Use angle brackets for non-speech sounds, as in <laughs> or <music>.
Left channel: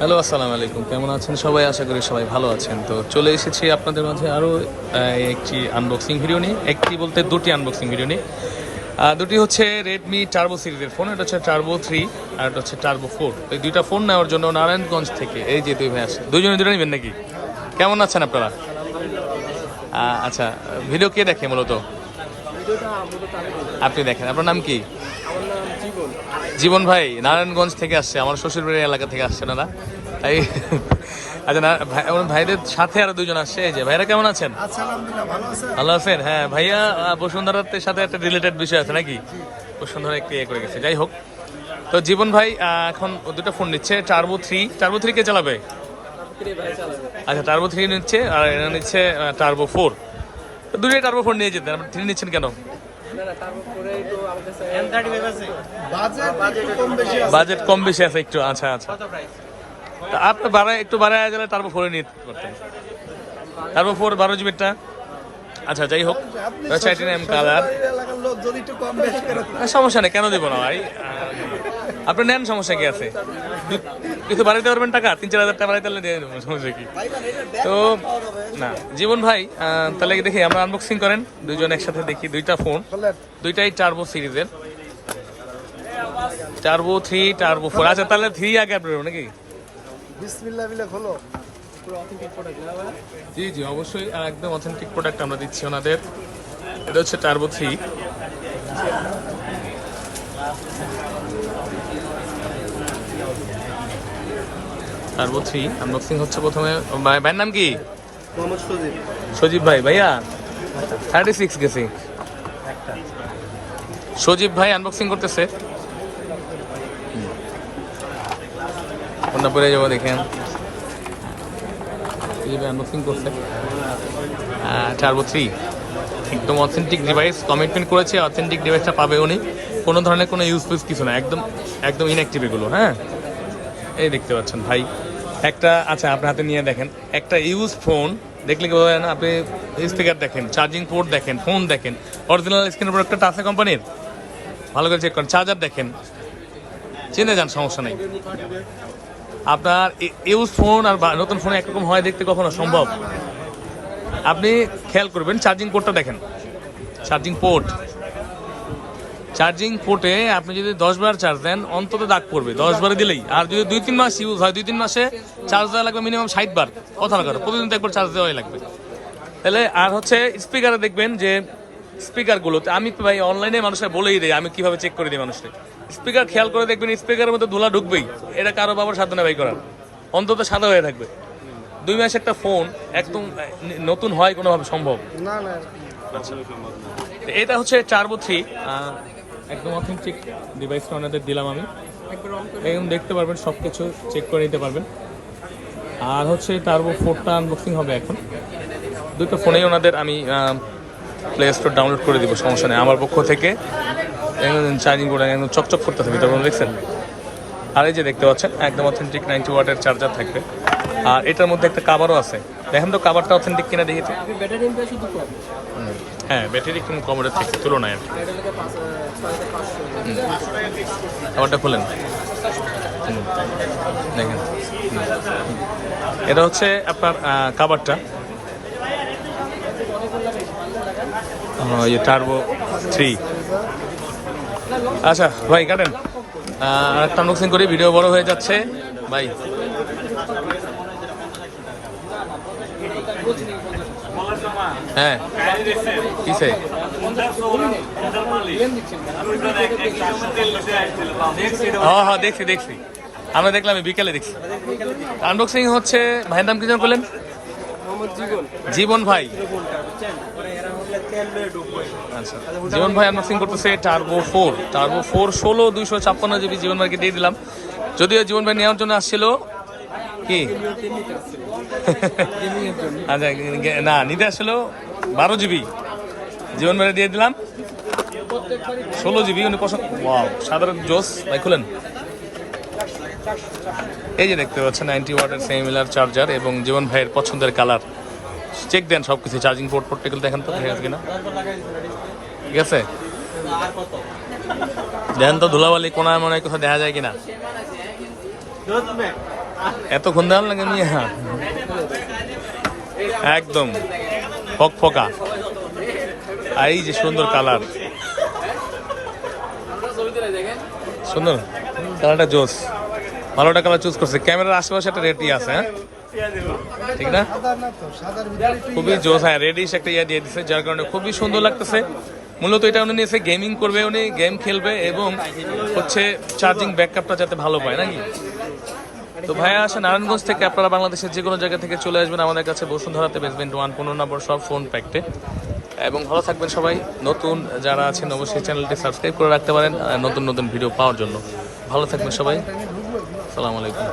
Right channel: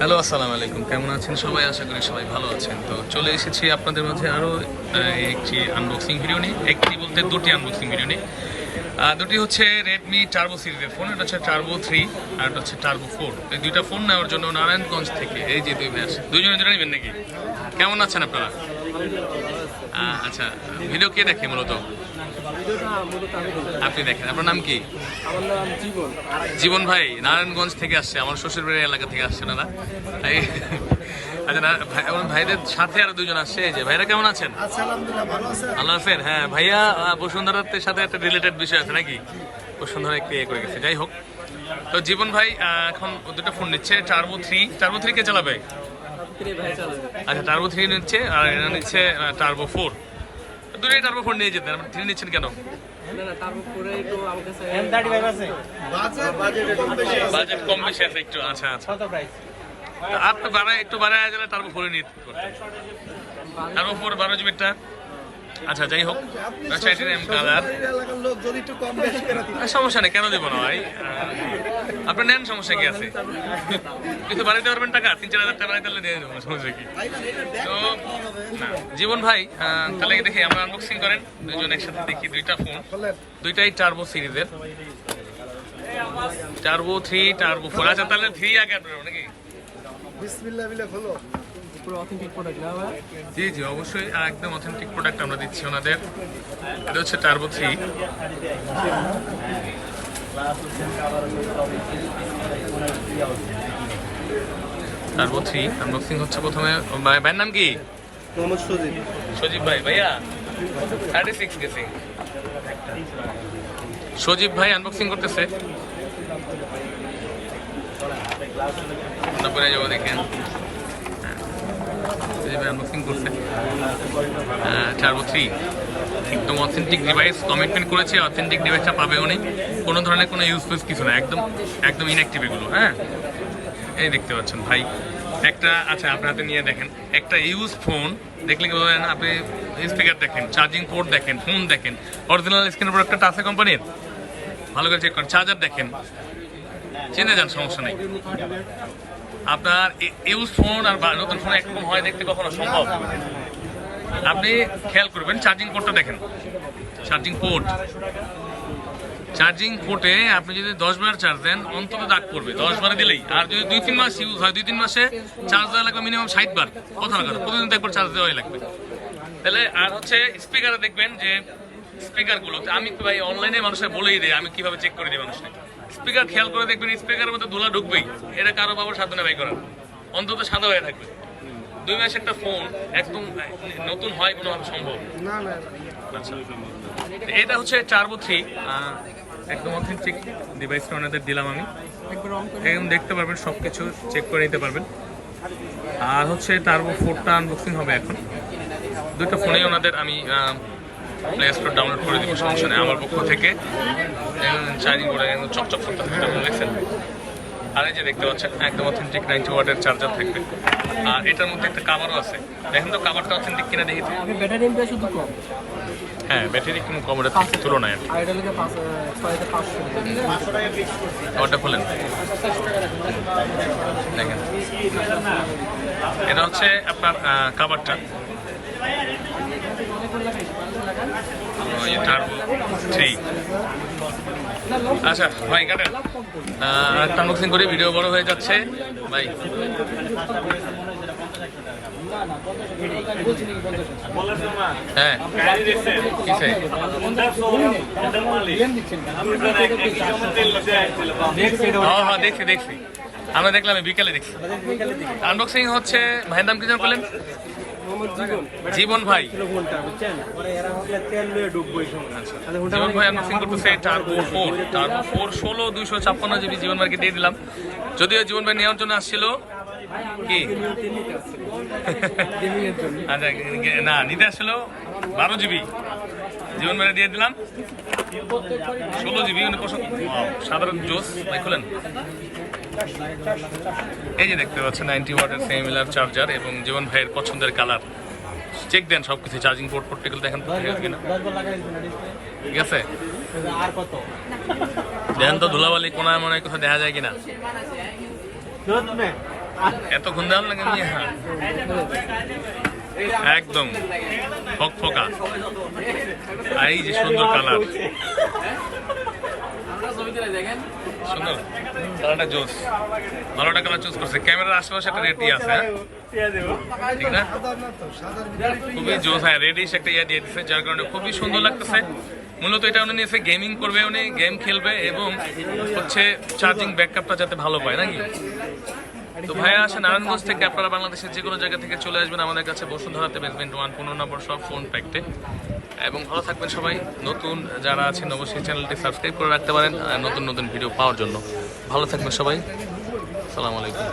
Hello, আসসালামু আলাইকুম। কেমন আছেন সবাই? আশা করি সবাই ভালো আছেন। তো চলে এসেছি আপনাদের মাঝে আরও একটি আনবক্সিং ভিডিও নিয়ে। একটি বলতে দুটি আনবক্সিং ভিডিও নিয়ে। দুটি হচ্ছে রেডমি টার্বো সিরিজের ফোন এটা হচ্ছে টার্বো থ্রি আর এটা হচ্ছে টার্বো ফোর এই দুইটা ফোন নেওয়ার জন্য নারায়ণগঞ্জ থেকে, এই যে দুই ভাই আসে দুজনে দুটো নেবেন নাকি? কেমন আছেন আপনারা? আচ্ছা ভিডিও কে দেখে মূলত ভিডিওটা মূলত আমি দিই আপনি দেখেন। আপনার নাম কি? আমার নাম জীবন। জীবন ভাই নারায়ণগঞ্জ থেকে আসছে। আমার শ্বশুরবাড়ির এলাকা থেকে আসছে না না? তাই? আচ্ছা না ভাই ভাইদের সাথে আরও দুজন আসছে। এই যে ভাইরা কেমন আছেন? আচ্ছা ভালো আছেন? হ্যাঁ ভাইয়া আহ, বসুন্ধরার সাথে একটা রিলেটেড বিষয় আছে নাকি? বসুন্ধরা একটু ইয়ে করে গেছে। যাই হোক। তো জীবন ভাই এখন দুটো ফোন নিচ্ছে। টার্বো থ্রি টার্বো থ্রি কে চালাবে? চালাবে। আচ্ছা টার্বো থ্রি নিচ্ছে আর এরা নিচ্ছে টার্বো ফোর দুটোই টার্বো ফোর নিয়ে যেতেন আপনি নিচ্ছেন কেন? বাজেট কম বেশি আছে একটু আচ্ছা আচ্ছা। তা আপনি বাড়ায় একটু বাড়ায় গেলে টার্বো ফোরে নিয়ে করতেন টার্বো ফোর বারো জিবিটা আচ্ছা যাই হোক চাইটিন এম কালার। সমস্যা নেই কেন দেবো না ভাই? আপনি নেন সমস্যা কি আছে? কিছু বাড়াইতে পারবেন টাকা? তিন চার হাজার টাকা বাড়াইতে পারলে সমস্যা কি? তো না জীবন ভাই তাহলে দেখি আমরা আনবক্সিং করেন দুইজন একসাথে দেখি দুইটা ফোন দুইটাই টার্বো সিরিজের। টার্বো থ্রি টার্বো ফোর আচ্ছা তাহলে থ্রি আগে আপনি নাকি? বিসমিল্লাহ বিলে খোলো। জি জি অবশ্যই আর একদম অথেন্টিক প্রোডাক্ট আমরা দিচ্ছি ওনাদের। এটা হচ্ছে turbo three turbo three unboxing হচ্ছে প্রথমে ভাই- ভাইয়ের নাম কি? মোহাম্মদ সজিব। সজীব ভাই ভাইয়া? থার্টি সিক্স গেছি। সজীব ভাই আনবক্সিং করতেছে। কোনটা পরে যাব দেখেন সজীব ভাই আনবক্সিং করছে। চারবো থ্রি একদম অথেন্টিক ডিভাইস কমিটমেন্ট করেছে অথেন্টিক ডিভাইসটা পাবে উনি। কোনো ধরনের কোনো ইউজ ফুজ কিছু না, একদম একদম ইনঅ্যাক্টিভ এগুলো হ্যাঁ? এই দেখতে পাচ্ছেন, ভাই। একটা আচ্ছা আপনার হাতে নিয়ে দেখেন। একটা ইউজ ফোন দেখলে কি না, আপনি স্পিকার দেখেন চার্জিং পোর্ট দেখেন ফোন দেখেন অরিজিনাল স্ক্রিন প্রোডাক্টটা আছে কোম্পানির ভালো করে চেক করেন চার্জার দেখেন। চিনে যান, সমস্যা নেই। আপনার ইউজ ফোন আর নতুন ফোন একরকম হয় দেখতে কখনো সম্ভব? আপনি খেয়াল করবেন চার্জিং পোর্টটা দেখেন। চার্জিং পোর্ট চার্জিং পোর্টে আপনি যদি দশ বার চার্জ দেন অন্তত দাগ পড়বে। দশ বারে দিলেই। আর যদি দুই তিন মাস ইউজ হয় দুই তিন মাসে চার্জ দেওয়া লাগবে মিনিমাম ষাট বার। কথা না করে প্রতিদিন একবার চার্জ দেওয়াই লাগবে। তাহলে আর হচ্ছে স্পিকারে দেখবেন যে স্পিকারগুলোতে আমি ভাই অনলাইনে মানুষকে বলেই দিই আমি কীভাবে চেক করে দিই মানুষকে। স্পিকার খেয়াল করে দেখবেন স্পিকারের মধ্যে ধুলা ঢুকবেই। এটা কারও বাবার সাধ্য নেই করার। অন্তত সাদা হয়ে থাকবে। দুই মাস একটা ফোন একদম নতুন হয় কোনোভাবে সম্ভব? আচ্ছা। এটা হচ্ছে টার্বো থ্রি একদম অথেন্টিক ডিভাইসটা ওনাদের দিলাম আমি। একদম দেখতে পারবেন সব কিছু চেক করে নিতে পারবেন। আর হচ্ছে টার্বো ফোরটা আনবক্সিং হবে এখন। দুটো ফোনেই ওনাদের আমি প্লে স্টোর ডাউনলোড করে দেবো সমস্যা নেই। আমার পক্ষ থেকে। চার্জিং করে চকচক করতে হবে তারপর দেখছেন? আর এই যে দেখতে পাচ্ছেন একদম অথেন্টিক নাইনটি ওয়াটের চার্জার থাকবে। আর এটার মধ্যে একটা কাভারও আছে। দেখেন তো কাভারটা অথেন্টিক কিনা দেখি হ্যাঁ ব্যাটারি একটু কম থেকে তুলনায় আর কি। আর এটা লাগে পাঁচ ছয় হাজার পাঁচশো। খাবারটা খোলেন। দেখেন। এটা হচ্ছে আপনার খাবারটা টার্বো থ্রি আচ্ছা ভাই কাটেন। একটা আনবক্সিং করি ভিডিও বড় হয়ে যাচ্ছে। ভাই হ্যাঁ। কিসে? হ্যাঁ হ্যাঁ দেখছি দেখছি। আমরা দেখলাম বিকেলে দেখছি। আনবক্সিং হচ্ছে ভাইয়ের নাম কি জীবন। জীবন ভাই। জীবন ভাই আনবক্সিং করতেছে টার্বো ফোর টার্বো ফোর ষোলো দুইশো ছাপ্পান্ন জিবি জীবন ভাইকে দিয়ে দিলাম। যদিও জীবন ভাই নেওয়ার জন্য আসছিল, কি? <laughs> আচ্ছা না, নিতে আসছিল বারো জিবি জীবন ভাই দিয়ে দিলাম। ষোলো জিবি উনি পছন্দ সাধারণ জোস। ভাই, খুলেন। এই যে দেখতে পাচ্ছেন নাইনটি ওয়াটের সেমিলার চার্জার এবং জীবন ভাইয়ের পছন্দের কালার চেক দেন সব কিছু চার্জিং পোর্ট পোর্ট দেখেন তো, ঠিক আছে কিনা? ঠিক আছে? দেখেন তো, ধুলাবালি কোনায় মনে কোথাও দেখা যায় কিনা? এতক্ষণ দেওয়ার লাগে হ্যাঁ একদম, ফক ফকা। আর এই যে সুন্দর কালার। সুন্দর? কালারটা জোস। ভালোটা কালার চুজ করছে। ক্যামেরার আশেপাশে একটা রেডি আছে হ্যাঁ? ঠিক না? খুবই জোস হ্যাঁ রেডিশ একটা ইয়া দিয়ে দিচ্ছে যার কারণে খুবই সুন্দর লাগতেছে। মূলত এটা উনি নিয়েছে গেমিং করবে উনি গেম খেলবে এবং হচ্ছে চার্জিং ব্যাকআপটা যাতে ভালো পায়, নাকি? তো ভাইয়া আসে নারায়ণগঞ্জ থেকে আপনারা বাংলাদেশের যে কোনো জায়গা থেকে চলে আসবেন আমাদের কাছে, বসুন্ধরাতে বেসমেন্ট ওয়ান পনেরো নম্বর সব ফোন প্যাকটে এবং ভালো থাকবেন সবাই। নতুন যারা আছেন, অবশ্যই চ্যানেলটি সাবস্ক্রাইব করে রাখতে পারেন নতুন নতুন ভিডিও পাওয়ার জন্য। ভালো থাকবেন সবাই। সালাম আলাইকুম।